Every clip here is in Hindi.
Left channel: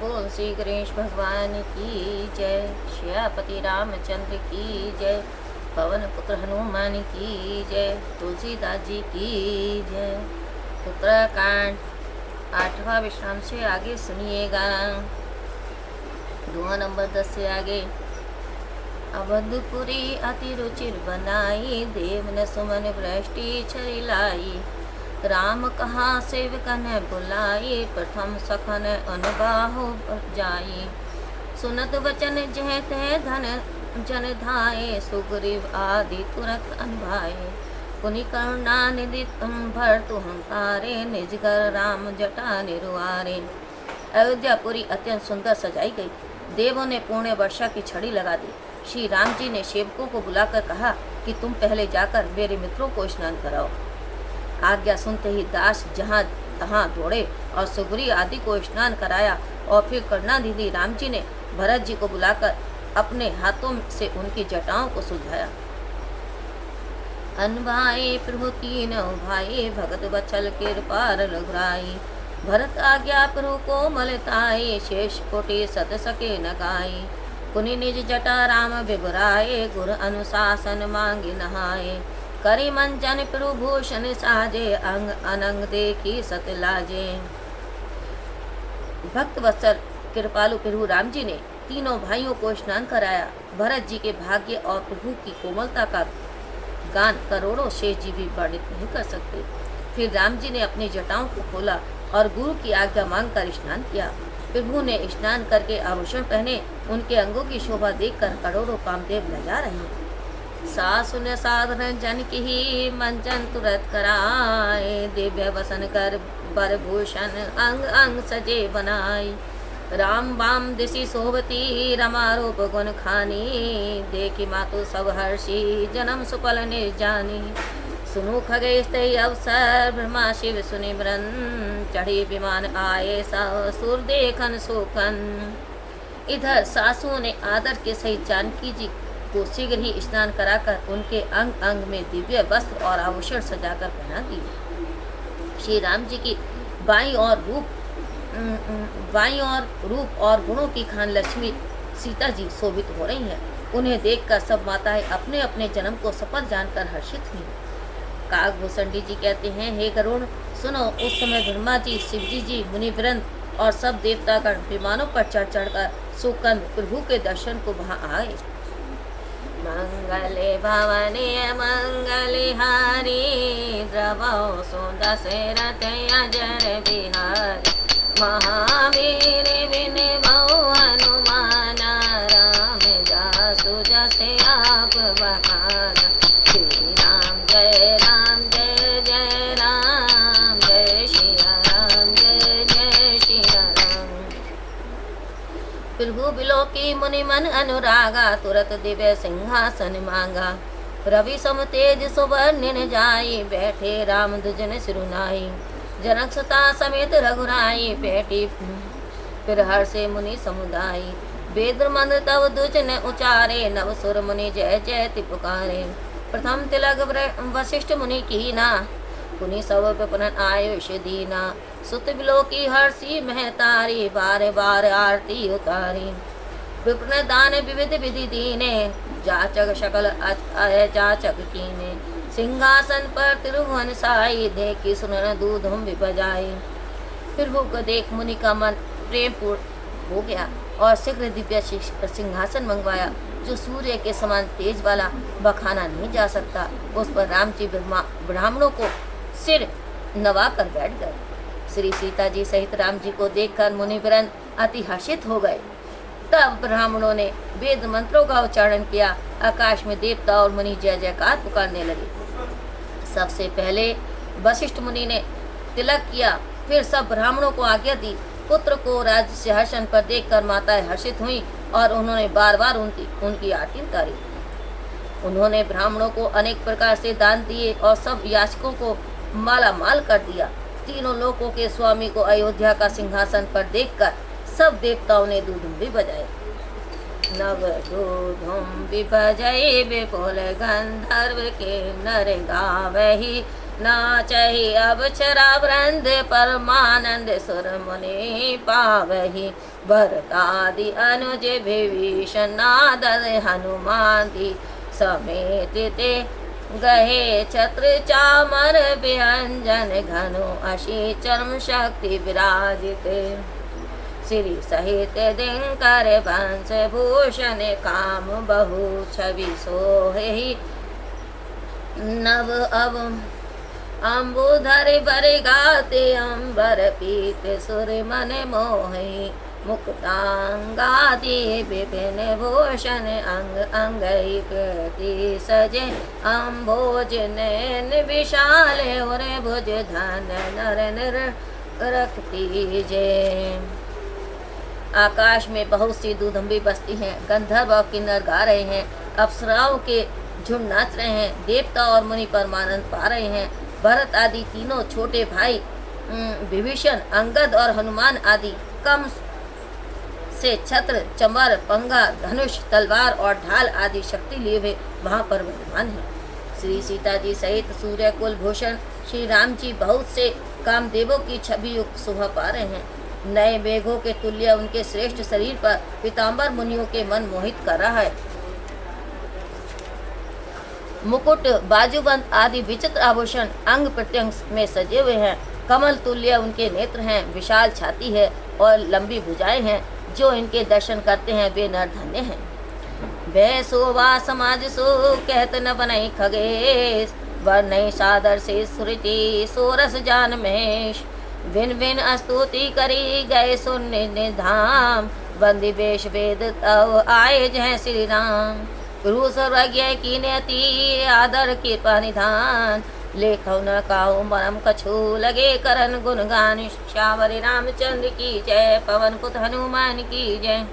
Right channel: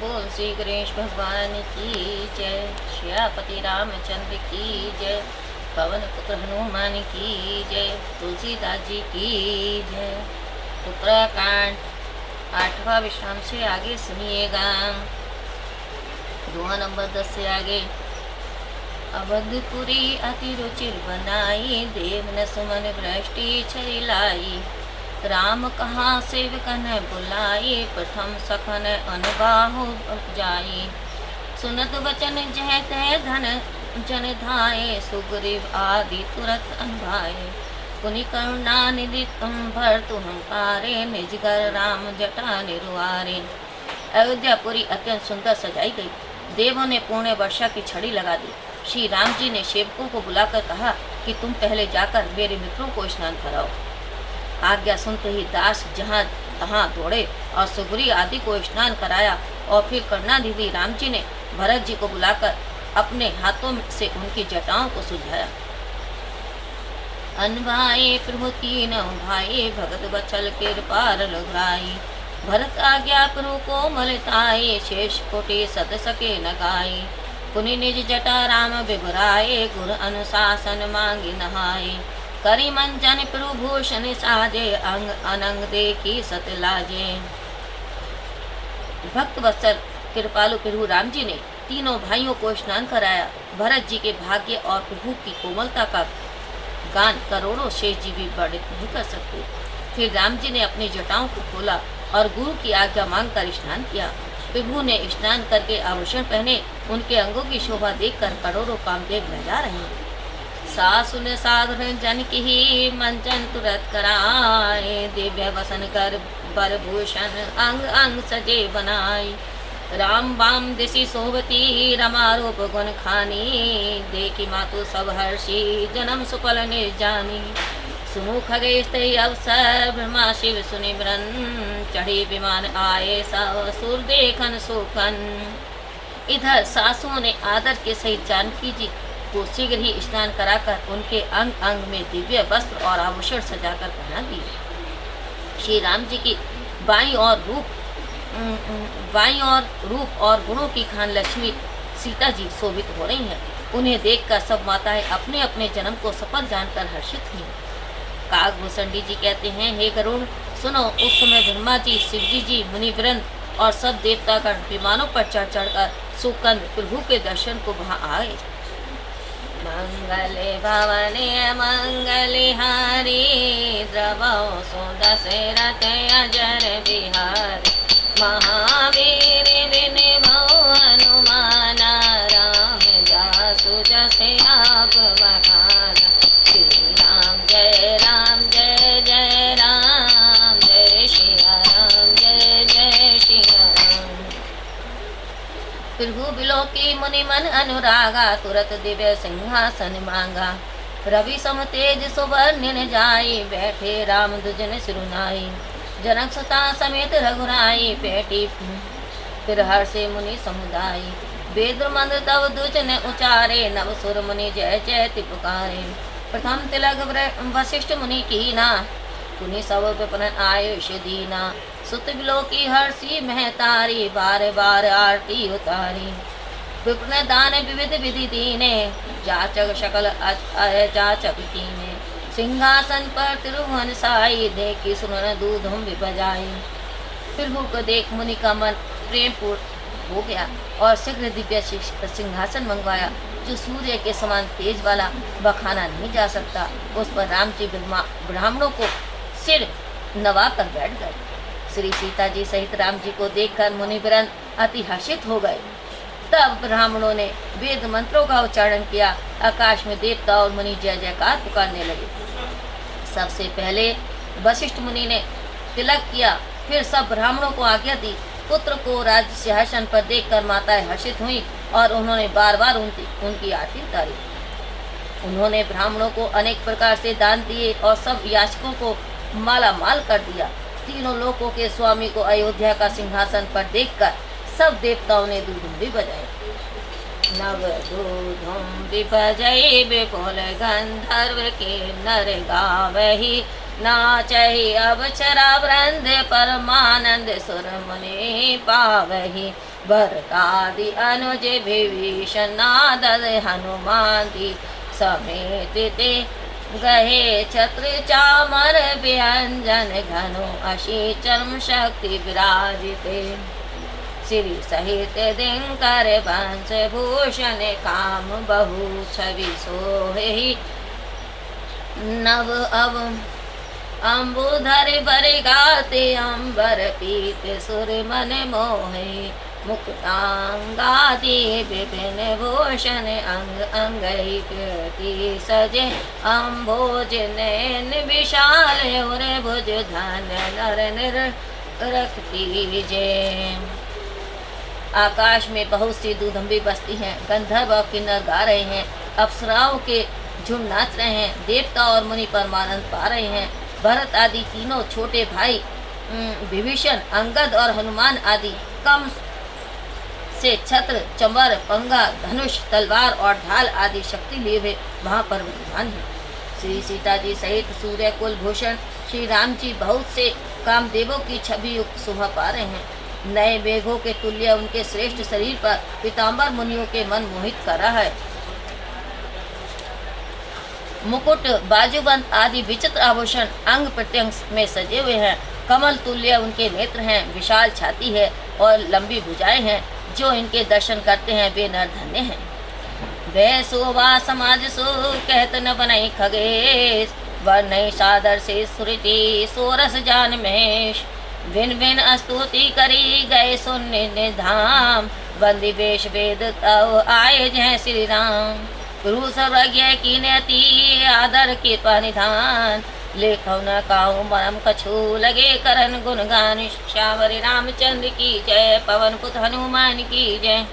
बोल श्री गणेश भगवान की जय। श्यापति रामचंद्र की जय। पवन पुत्र हनुमान की जय। तुलसीदास जी की जय। उत्तराखंड 8वां विश्राम से आगे सुनिएगा। दुआ नंबर 10 से आगे। अवधपुरी अति रुचिर बनाई, देव न सुमन भ्रष्टि छरी लाई। राम कहाँ सेवकन बुलाई, प्रथम सखन अनबाहु जाई। सुनत वचन जह तह धन जन धाये, सुग्रीव आदि तुरत अनभाए। पुनि करुणा निधि भर तुम पारे, निजगर राम जटा निरुआरे। अयोध्यापुरी अत्यंत सुंदर सजाई गई। देवों ने पूर्ण वर्षा की छड़ी लगा दी। श्री राम जी ने सेवकों को बुलाकर कहा कि तुम पहले जाकर मेरे मित्रों को स्नान कराओ। आज्ञा सुनते ही दास जहाँ तहाँ दौड़े और सुग्रीव आदि को स्नान कराया और फिर करुणानिधि राम जी ने भरत जी को बुलाकर अपने हाथों से उनकी जटाओं को सुलझाया। अनभाए प्रभु तीन भाई, भगत बचल कृपार लघुराई। भरत आज्ञा प्रभु को मलताए, शेष कोटि सत सके न गाई। पुनि निज जटा राम बिबराए, गुरु अनुशासन मांगी नहाए। करी मंजन प्रभु भूषण साजे, अंग अनंग देखी सत लाजे। भक्त वत्सल कृपालु प्रभु राम जी ने तीनों भाइयों को स्नान कराया। भरत जी के भाग्य और प्रभु की कोमलता का गान करोड़ों शेष जी भी वर्णित नहीं कर सकते। फिर राम जी ने अपनी जटाओं को खोला और गुरु की आज्ञा मांगकर स्नान किया। प्रभु ने स्नान करके आभूषण पहने। उनके अंगों की शोभा देखकर करोड़ों कामदेव लजा रहे हैं। सासु ने साधन जन की मंचन तुरंत कराए, दिव्य वसन कर बर भूषण अंग अंग सजे बनाई। राम बाम दिशि शोभती, रमा रूप गुण खानी। देखी मातु सब हर्षि, जन्म सुफल निर्जानी। सुनो खगेश अवसर, ब्रह्मा शिव सुनिमरन। चढ़ी विमान आए सब, सुर देखन सोखन। इधर सासुओं ने आदर के सहित जानकी जी को शीघ्र ही स्नान कराकर उनके अंग अंग में दिव्य वस्त्र और आभूषण सजाकर पहना दिए। श्री राम जी की बाईं और रूप और गुणों की खान लक्ष्मी सीता जी शोभित हो रही हैं। उन्हें देखकर सब माताएं अपने अपने जन्म को सफल जानकर हर्षित हुई। काकभूषणी जी कहते हैं, हे गरुण सुनो, उस समय ब्रह्मा जी, शिवजी जी, मुनिवृंद और सब देवतागण विमानों पर चढ़ चढ़कर सुकंद प्रभु के दर्शन को वहां आए। मंगले भवने मंगले हारी, द्रवो सुदशरथ अजर बिहारी। महावीर विनमो हनुमान, राम जासु जसे आप बखाना। श्री राम जय राम जय जय राम, जय श्री राम जय जय श्री राम। प्रभु बिलोकी मुनि मन अनुरागा, तुरत दिव्य सिंहासन मांगा। रवि सम तेज सुवर्ण जाई, बैठे राम दुजन सिरुनाई। जनक सुता समेत रघुराई, पेटी फिर हर से मुनि समुदाय। वेद मंद तव दुजन उचारे, नव सुर मुनि जय जयति पुकारे। प्रथम तिलक वशिष्ठ मुनि कीना, पुनि सब विपन आयुष दीना। सुत बिलोकी हर्षि महतारी, बार बार आरती उतारी। विप्र दान विविध विधि दीने, जाचक शकल जाचक कीने। सिंहासन पर त्रिभुवन साई, देखी सुनन दूधम बजाई। प्रभु को देख मुनि का मन प्रेम पूर्ण हो गया और शीघ्र दिव्य सिंहासन मंगवाया, जो सूर्य के समान तेज वाला, बखाना नहीं जा सकता। उस पर राम जी ब्राह्मणों को सिर नवा कर बैठ गए। श्री सीता जी सहित राम जी को देखकर मुनिवृंद अति हर्षित हो गए। तब ब्राह्मणों ने वेद मंत्रों का उच्चारण किया। आकाश में देवता और मुनि जय जयकार पुकारने लगे। सबसे पहले वशिष्ठ मुनि ने तिलक किया, फिर सब ब्राह्मणों को आज्ञा दी। पुत्र को राज्य सिंहासन पर देखकर माताएं हर्षित हुईं और उन्होंने बार बार उनकी आरती उतारी। उन्होंने ब्राह्मणों को अनेक प्रकार से दान दिए और सब याचकों को माला माल कर दिया। तीनों लोकों के स्वामी को अयोध्या का सिंहासन पर देखकर सब देवताओं ने दूधुम्बी बजाए। नव दूधुम्बी बजाए, विपुल गंधर्व के नर गावही। नाचहि अब चरा वृंद, परमानंद सुर मुनि पावही। भरतादि अनुज विभीषण नादर हनुमान की समेत ते गहे छत्र चामर व्यंजन घनो अशी चर्म शक्ति विराजिते श्री सहित दिनकर वंश भूषण काम बहु छवि सोहे नव अव अम्बुधर बर गाते अम्बर पीत सुर मन मोहे मुक्तांगादि विपिन भूषण अंग अंगई प्रति सजे अम्भोज नयन विशाल और भुज धन्य नर निर रखती जय। आकाश में बहुत सी दूधंबी बसती हैं, गंधर्व और किन्नर गा रहे हैं, अप्सराओं के झुंड नाच रहे हैं, देवता और मुनि परमानंद पा रहे हैं। भरत आदि तीनों छोटे भाई विभीषण, अंगद और हनुमान आदि कम से छत्र, चंबर, पंगा, धनुष, तलवार और ढाल आदि शक्ति लिए हुए वहाँ पर विद्यमान हैं। श्री सीता जी सहित सूर्य कुल भूषण श्री राम जी बहुत से कामदेवों की छवि युक्त शोभा पा रहे हैं। नए मेघों के तुल्य उनके श्रेष्ठ शरीर पर पीताम्बर मुनियों के मन मोहित कर रहा है। मुकुट, बाजूबंद आदि विचित्र आभूषण अंग प्रत्यंग में सजे हुए हैं। कमल तुल्य उनके नेत्र हैं, विशाल छाती है और लंबी भुजाएं हैं। जो इनके दर्शन करते हैं वे नर धन्य हैं। वह शोभा समाज सो कहत न बनई खगेश, वर्णय सादर से सुरति सोरस जान महेश। भिन भिन स्तुति करी गए सुन्नि निधाम, बंदी वेश वेद तव आए जय श्री राम। गुरु सर्वज्ञ की नति आदर के निधान, लेखो न काऊ मरम कछु लगे करन गुणगान। श्यावर रामचंद्र की जय, पवन पुत हनुमान की जय।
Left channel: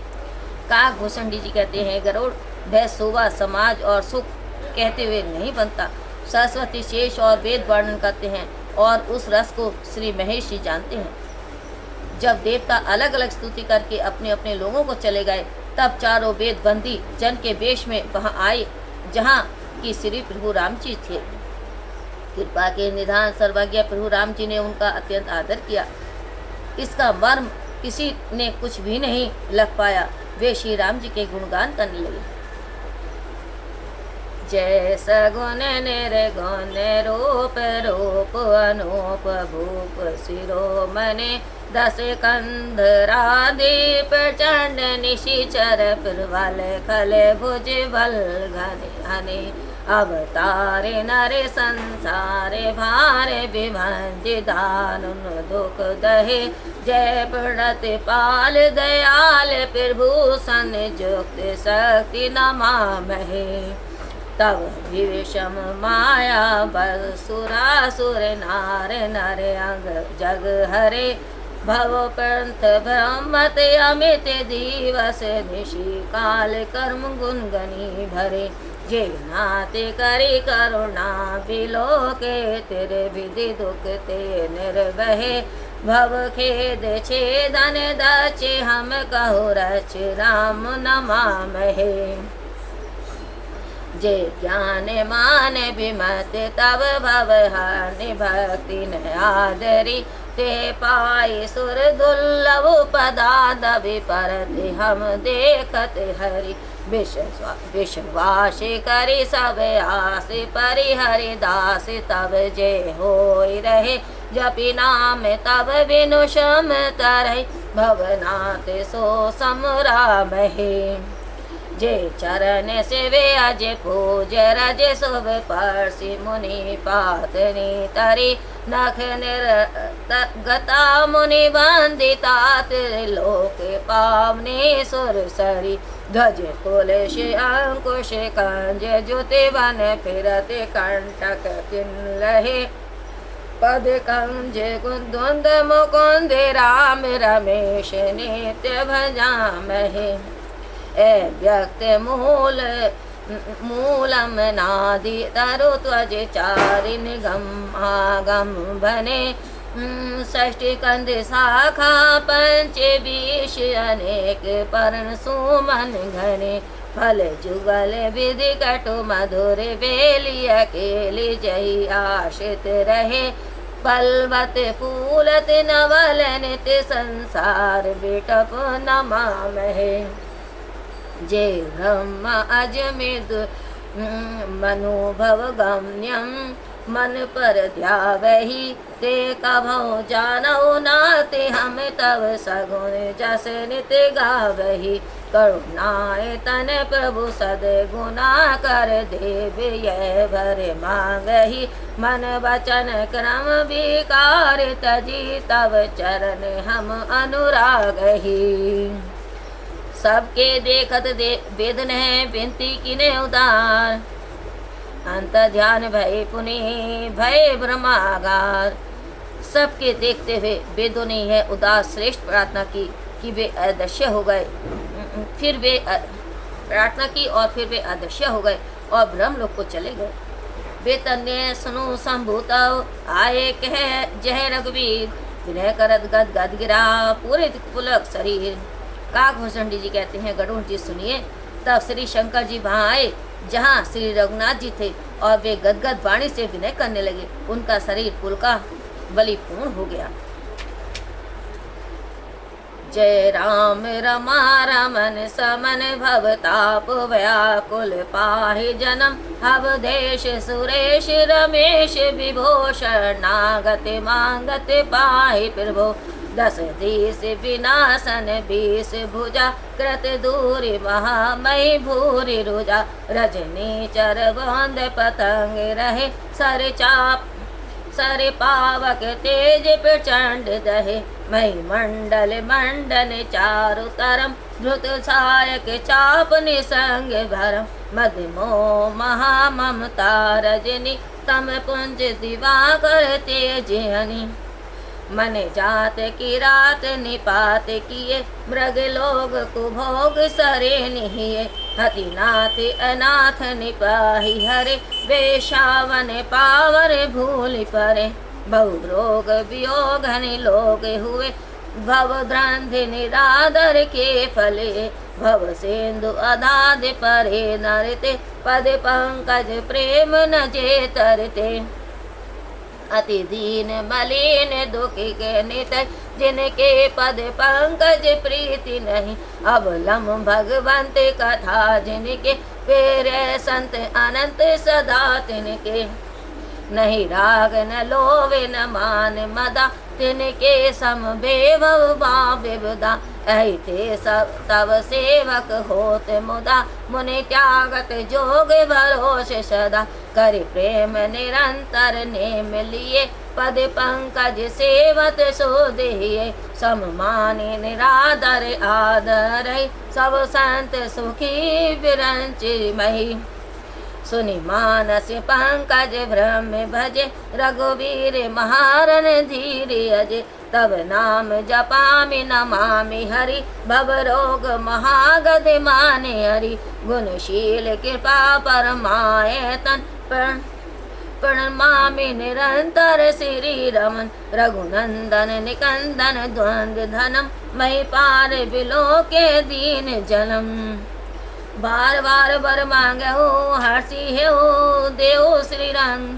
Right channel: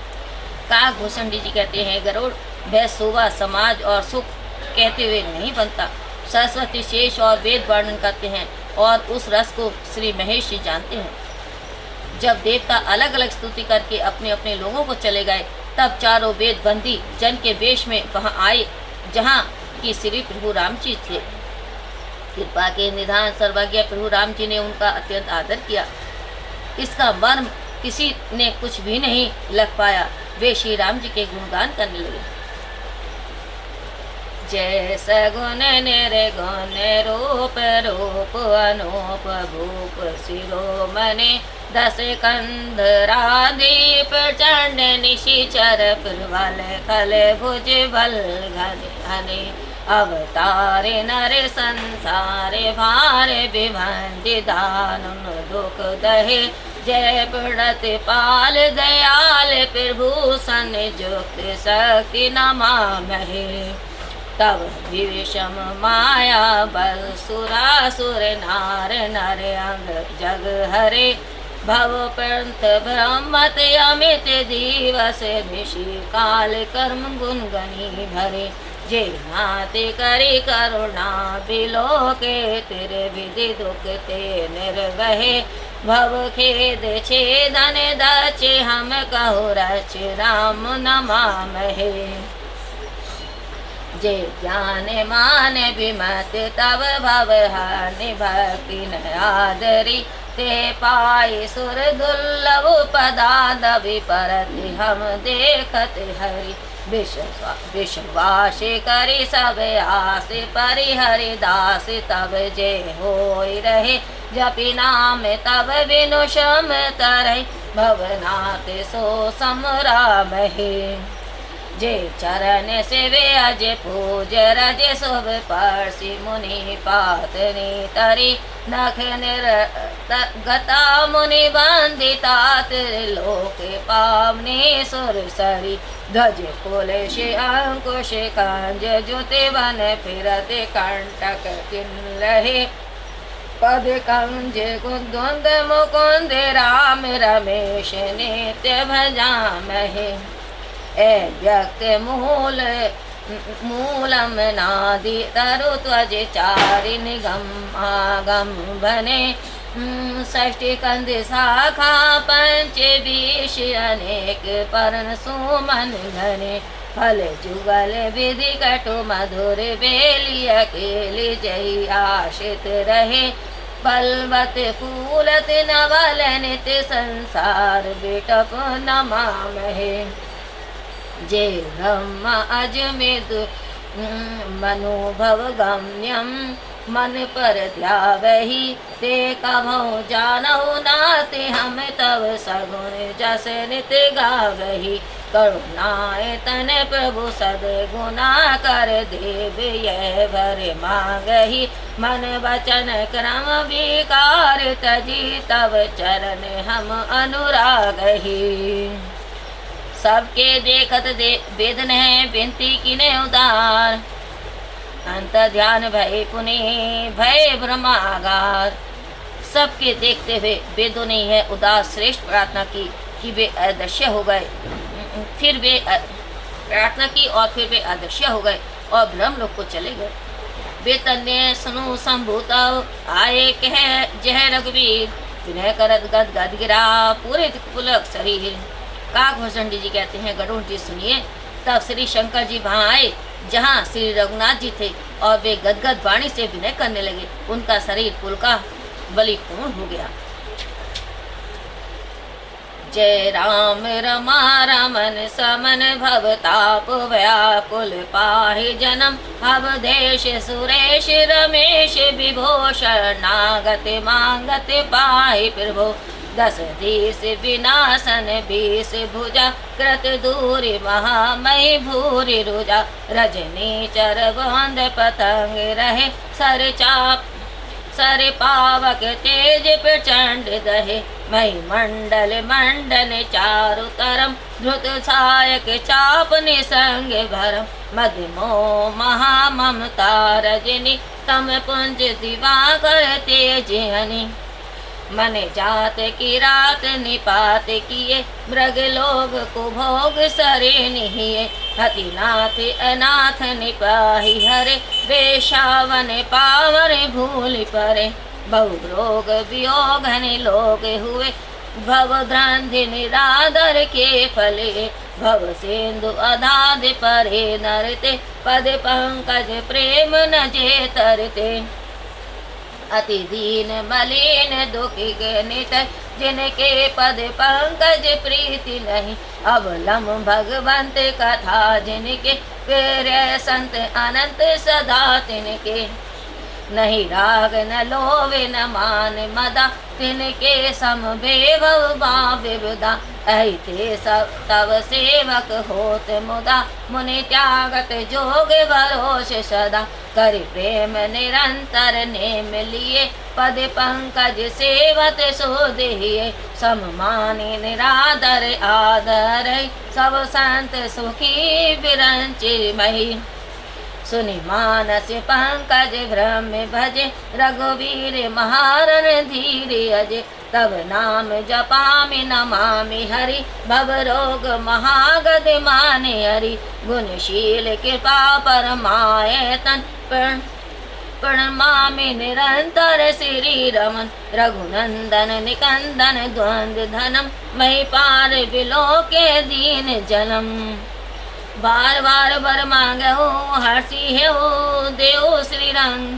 काकभूषण जी कहते हैं गरुड़ वह शोभा समाज और सुख कहते हुए नहीं बनता। सरस्वती शेष और वेद वर्णन करते हैं और उस रस को श्री महेश जी जानते हैं। जब देवता अलग अलग स्तुति करके अपने अपने लोगों को चले गए, तब चारों वेद बंदी जन के वेश में वहां आए जहां कि श्री प्रभु राम जी थे। कृपा के निधान सर्वज्ञ प्रभु राम जी ने उनका अत्यंत आदर किया। इसका मर्म किसी ने कुछ भी नहीं लग पाया। वे श्री राम जी के गुणगान करने लगे। जय सगुन निर्गुण रूप रूप अनूप भूप शिरोमणि दस कंधरादीप प्रचंड निशिचर प्रबल खल भुज बल घन घने अवतारे नर संसारे भार विभंति दानुन दुख दहे जय प्रणत पाल दयाल प्रभु सन जुक्त शक्ति नमामहे। तब विषम माया बल सुरासुर नार नर अंग जग हरे भव पंथ ब्रह्मत अमित दिवस निशि काल कर्म गुण गनी भरे। जे नाते करी करुणा बिलो के तेरे विधि दुख ते निर्वहे भव खेद छेदन दचे हम कहो रच राम नमामहे। जे ज्ञान मान विमत तब भव हानि भक्ति न आदरी ते पाई सुर दुर्लभ पदादवि परत हम देखत हरि विश्वास करी सब आस परिहरि दास तब जे होई रहे जपि नाम तब बिनु शम तरहि भवनाथ सो समरामहे। जे चरण सेवे अज पूज रज शुभ परसि मुनि पातनी तरी नख गता मुनि बंदिता त्रिलोक पावनी सुरसरी। ध्वज कुल अंकुश कंज जुति वन फिरत कंटक किन्लहे पद कंज कुंद मुकुंद राम रमेश नित्य भजामहे। ए व्यक्त मूलम नादि तरु त्वज चारि निगम आगम बने। षष्ठी कंद शाखा पंच बीस अनेक पर्ण सुमन घने। फल जुगल विधि कटु मधुर बेली अकेली जही आशित रहे पलवत फूलत नवल नित संसार बेटप नमामहे। जे ब्रह्म अजमित मनोभव गम्यम मन पर ध्यावहि ते कभौ जानौ नाते हम तव सगुण जस नित गावहि। करुणाए तन प्रभु सद्गुना कर देव यह भर मांगहि। मन वचन क्रम विकार तजी तव चरण हम अनुरागहि। सबके देखत वेदन है विनती किने उदार। अंत ध्यान भय पुनि भय ब्रह्मागार। सबके देखते हुए वेदों ने यह उदास श्रेष्ठ प्रार्थना की कि वे अदृश्य हो गए। फिर वे प्रार्थना की और फिर वे अदृश्य हो गए और ब्रह्म लोक को चले गए। वे तन्ने सुनो संभूत आए कह जय रघुवीर। विनय करत गद गद गिरा पूरे पुलक शरीर। काकभूषण जी कहते हैं गरुड़ जी सुनिए। तब श्री शंकर जी वहाँ आए जहाँ श्री रघुनाथ जी थे और वे गदगद वाणी से विनय करने लगे। उनका शरीर पुलका बलि पूर्ण हो गया। जय राम रमा रमन समन भवताप व्याकुल पाहि जन्म। अवधेश सुरेश रमेश विभूषण नागत मांगत पाहि प्रभु। दस दिश विनाशन बीस भुजा कृत दूरी महामय भूरि रुजा। रजनी चर बंद पतंग रहे सर चाप सर पावक तेज प्रचंड दहे। मही मंडल मंडन चारु तरम धृत सायक चाप निसंग भरम। मध्यमो महाममता रजनी तम पुंज दिवाकर तेजनी। मन जात की रात निपात किए मृग लोग कुभोग सरे निहिए। हतिनाथ अनाथ निपाही हरे वेशावन पावर भूल परे। बहु रोग वियोग लोग हुए भव द्रंधि निरादर के फले। भव सिंधु अधाद परे नरते पद पंकज प्रेम न जे तरते। अति दीन मलिन दुखी नित जिनके पद पंकज प्रीति नहीं। अवलम भगवंत कथा जिनके पेरे संत अनंत सदा तिनके। नहीं राग न लोवे न मान मदा तिनके सम बेभव विविदा। ऐते सब तव सेवक होत मुदा मुनि त्यागत जोग भरोस सदा। कर प्रेम निरंतर नेम लिए पद पंकज सेवत सो देहिए। सममानी निरादर आदर सब संत सुखी विरंचि मही। सुनि मानस पंकज ब्रह्म भजे रघुवीर महारन धीर अजय। तब नाम जपामि नमामि हरि भव रोग महागद माने हरि। गुणशील कृपा परमायतन प्रणमामि निरंतर श्री रमन। रघुनंदन निकंदन द्वंद्व धनम मही पार विलोके दीन जनम। बार बार बर मांगे हो हर्षि है हो देव श्री रंग।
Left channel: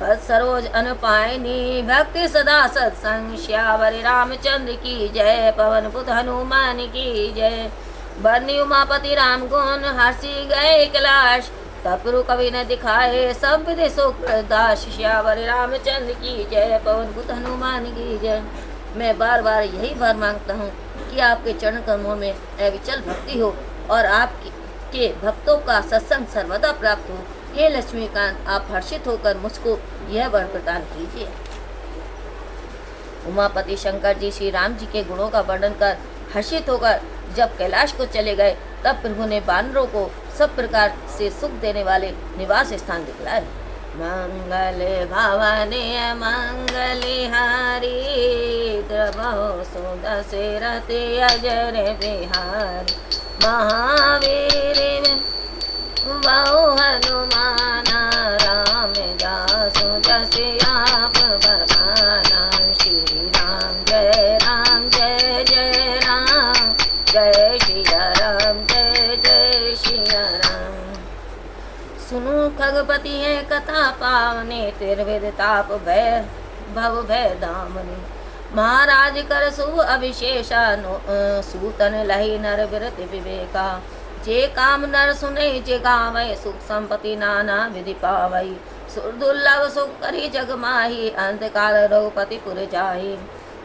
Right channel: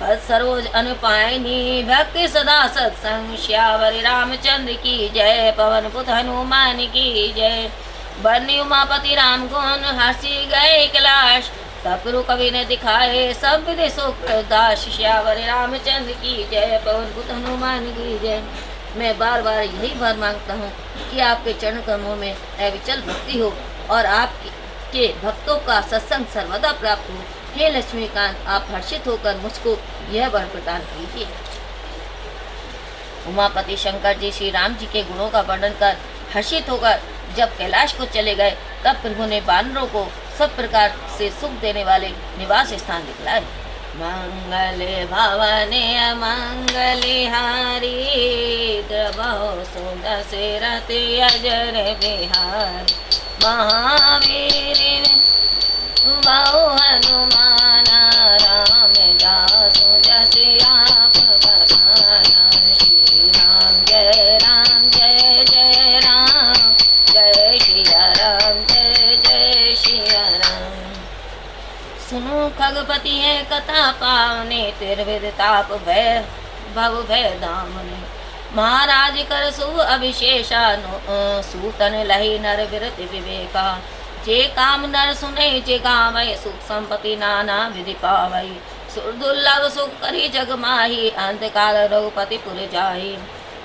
पद सरोज अनुपायनी भक्ति सदा सत्संग। श्यावर रामचंद्र की जय पवन पुत हनुमान की जय। बरनी उमापति राम गुण हर्षि गए कैलाश। तपरु कवि ने दिखाए सब विधि सुख दास। श्यावर रामचंद्र की जय पवन पुत हनुमान की जय। मैं बार बार यही वर मांगता हूँ कि आपके चरण कमलों में अविचल भक्ति हो और आपकी के भक्तों का सत्संग सर्वदा प्राप्त हो। हे लक्ष्मीकांत आप हर्षित होकर मुझको यह वर प्रदान कीजिए। उमापति शंकर जी श्री राम जी के गुणों का वर्णन कर हर्षित होकर जब कैलाश को चले गए तब प्रभु ने बानरों को सब प्रकार से सुख देने वाले निवास स्थान दिखलाए। मंगल भवने मंगलिहारी द्रवो सुदशरथ अजर बिहार। महावीर बहु हनुमान राम दासो जस आप बखाना। श्री राम जय जय राम जय सिया राम जय सिया राम। सुनो खगपति है कथा पावने तिरविद ताप भय भव भय दामन। महाराज कर सु अभिशेषा सूतन लही नर विरत विवेका। जे काम नर सुने जे गावै सुख संपत्ति नाना विधि पावै। सुर दुर्लभ सुख करी जग माही अंत काल रघुपति पुर जाहि।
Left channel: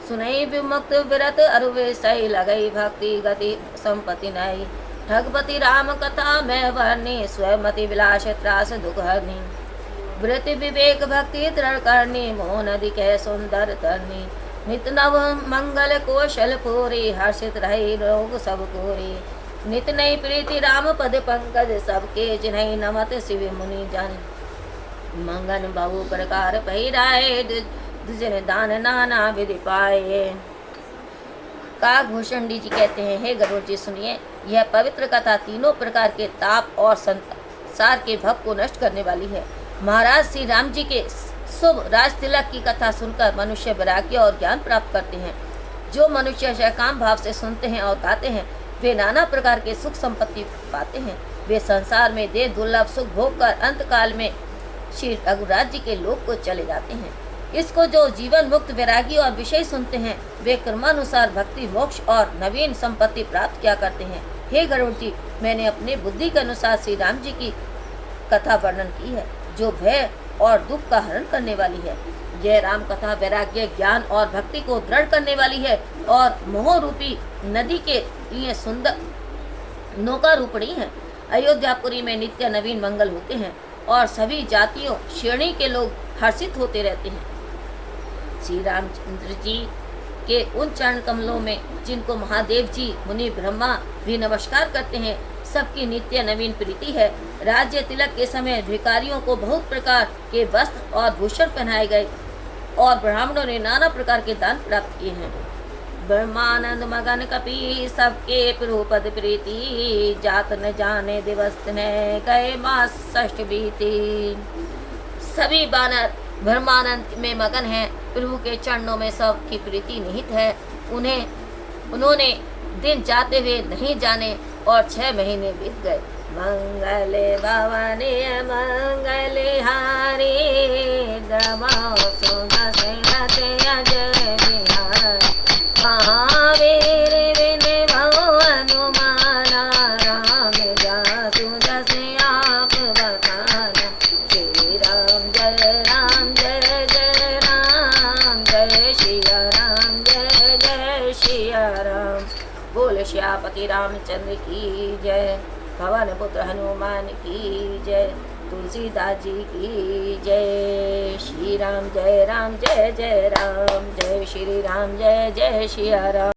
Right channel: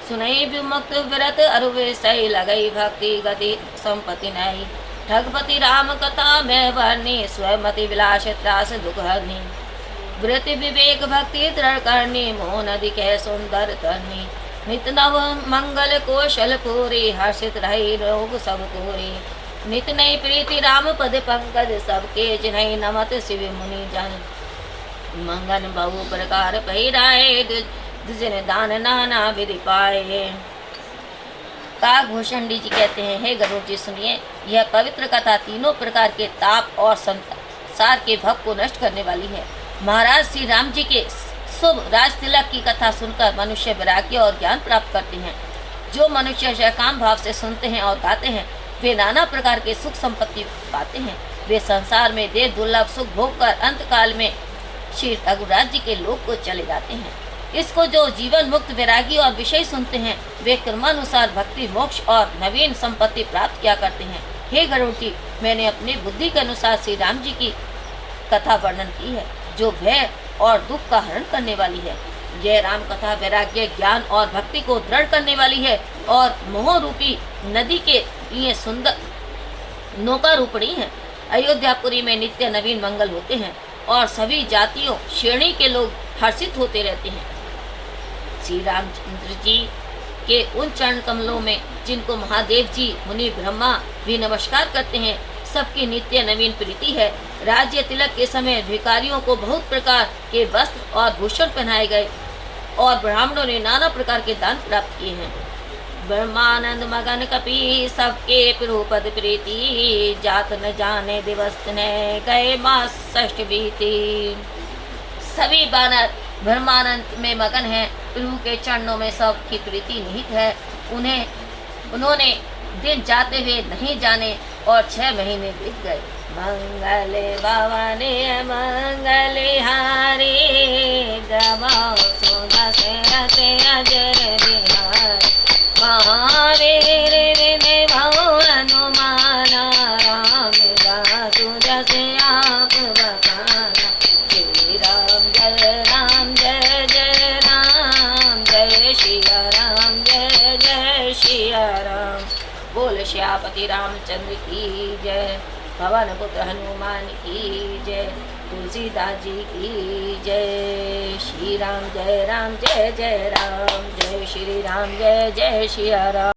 सुनई विमुक्त विरत अरुवे सही लगई भक्ति गति संपत्ति नहीं। ठगपति राम कथा में वर्णी स्वयंमति विलास त्रास दुख हरनी। वृत्ति विवेक भक्ति दृढ़ करनी मोह नदी कह सुंदर तरनी। नित नव मंगल कौशल पूरी हर्षित रही रोग सब पूरी। नित नई प्रीति राम पद पंकज सबके जिन्हई नमत शिव मुनि जन। मंगन बहु प्रकार पहिराए जिन दान नाना विधि पाए। काकभूषण जी कहते हैं, हे गरुड़ जी सुनिए, यह पवित्र कथा तीनों प्रकार के ताप और संसार के भव को नष्ट करने वाली है। महाराज श्री राम जी के शुभ राज तिलक की कथा सुनकर मनुष्य वैराग्य और ज्ञान प्राप्त करते हैं। जो मनुष्य सकाम भाव से सुनते हैं और गाते हैं वे नाना प्रकार के सुख संपत्ति पाते हैं। वे संसार में देर दुर्लभ सुख भोग कर अंत काल में श्री रघुराज जी के लोक को चले जाते हैं। इसको जो जीवन मुक्त वैरागी और विषय सुनते हैं वे क्रमानुसार भक्ति मोक्ष और नवीन संपत्ति प्राप्त किया करते हैं। हे गरुड़ जी, मैंने अपनी बुद्धि के अनुसार श्री राम जी की कथा वर्णन की है जो भय और दुख का हरण करने वाली है। यह राम कथा वैराग्य ज्ञान और भक्ति को दृढ़ करने वाली है और मोह रूपी नदी के लिए सुंदर नौका रूपणी है। अयोध्यापुरी में नित्य नवीन मंगल होते हैं और सभी जातियों श्रेणी के लोग हर्षित होते रहते हैं। श्री रामचंद्र जी के उन चरण कमलों में जिनको महादेव जी मुनि ब्रह्मा भी नमस्कार करते हैं सबकी नित्य नवीन प्रीति है। राज्य तिलक के समय भिखारियों को बहुत प्रकार के वस्त्र और भूषण पहनाए गए और ब्राह्मणों ने नाना प्रकार के दान प्राप्त किए हैं। ब्रह्मानंद मगन कपि सबके प्रभुपद प्रीति। जात न जाने दिवस ने गए मास षष्ठ बीती। सभी बानर ब्रह्मानंद में मगन हैं। प्रभु के चरणों में सबकी प्रीति निहित है। उन्होंने दिन जाते हुए नहीं जाने और 6 महीने बीत गए। मंगल भवने मंगल हारी गवाओ सुदशरथ अजय बिहार। महावीर विन भव हनुमाना राम जातु जस आप बताना। श्री राम जय राम जय जय राम जय सिया राम जय जय सिया राम। बोल श्यापति रामचंद्र की जय। पवन पुत्र हनुमान की जय। तुलसीदास जी की जय। श्री राम जय जय राम जय श्री राम जय जय सिया राम।